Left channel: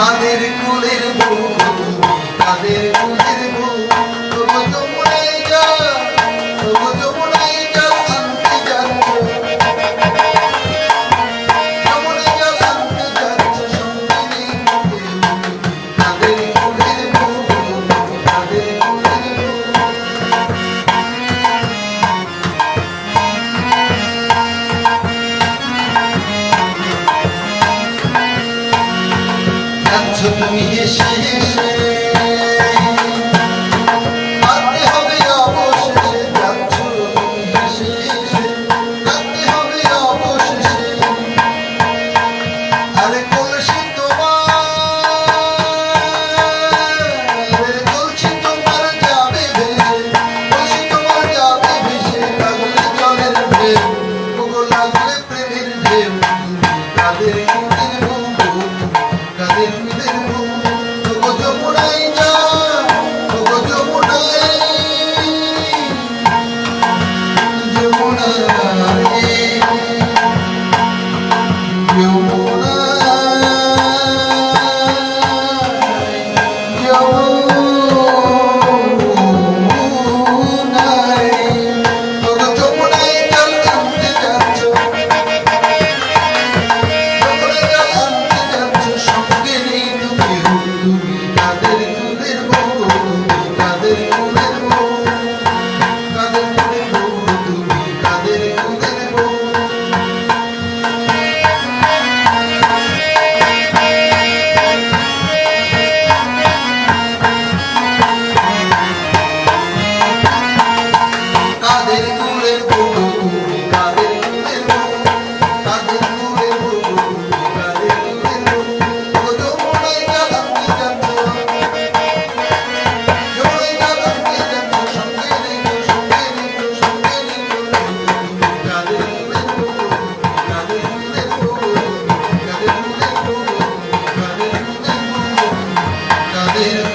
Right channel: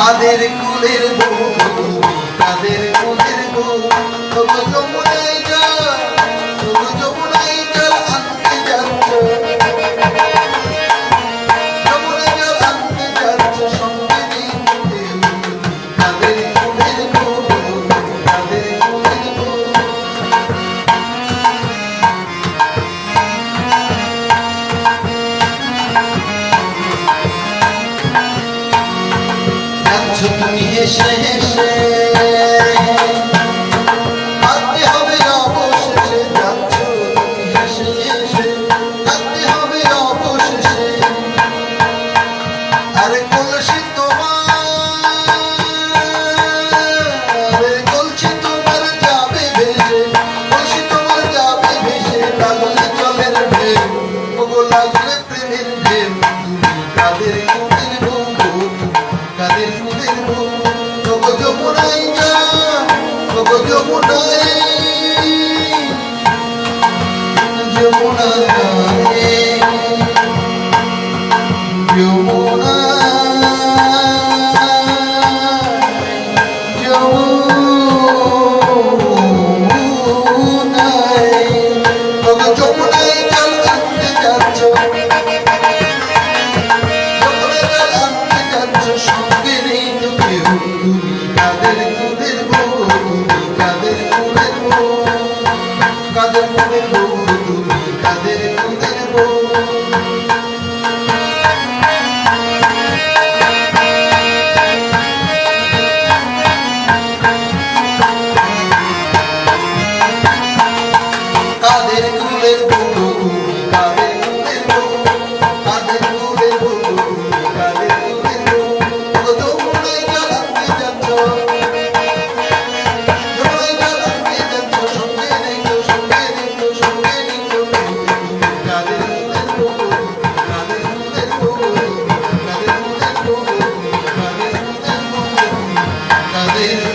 কাদের কুলের বউ কাদের কুলের বউ তবু যমুনায় যা তবু যমুনায় জল আনতে যাচ্ছ যমুনায় জল আনতে যাচ্ছ সঙ্গে নেই কাদের কুলের বউ কাদের কুলের বউ যাচ্ছ তুমি এসে এসে কাঁদতে হবে অবশেষে যাচ্ছ তুমি এসে এসে কাঁদতে হবে অবশেষে আরে কলসি তোমার যাবে ভেসে কলসি তোমার যাবে ভেসে লাগলে জলের ঢেউ ওগো লাগলে প্রেমের ঢেউ কাদের কুলের বউ কাদের কুলের বউ তবু যমুনায় যা তবু যমুনায় যমুনায় কাদের কুলের বউ কাদের কুলের বউ কাদের কুলের বউ কাদের কুলের বউ তবু যমুনায় জল আনতে যাচ্ছ যমুনায় জল আনতে যাচ্ছ সঙ্গে রেখো সঙ্গে রেখো সঙ্গে রেখো কাদের কুলের বউ কাদের কুলের বউ কাদের কুলের বউ কাদের কুলের বউ কাদের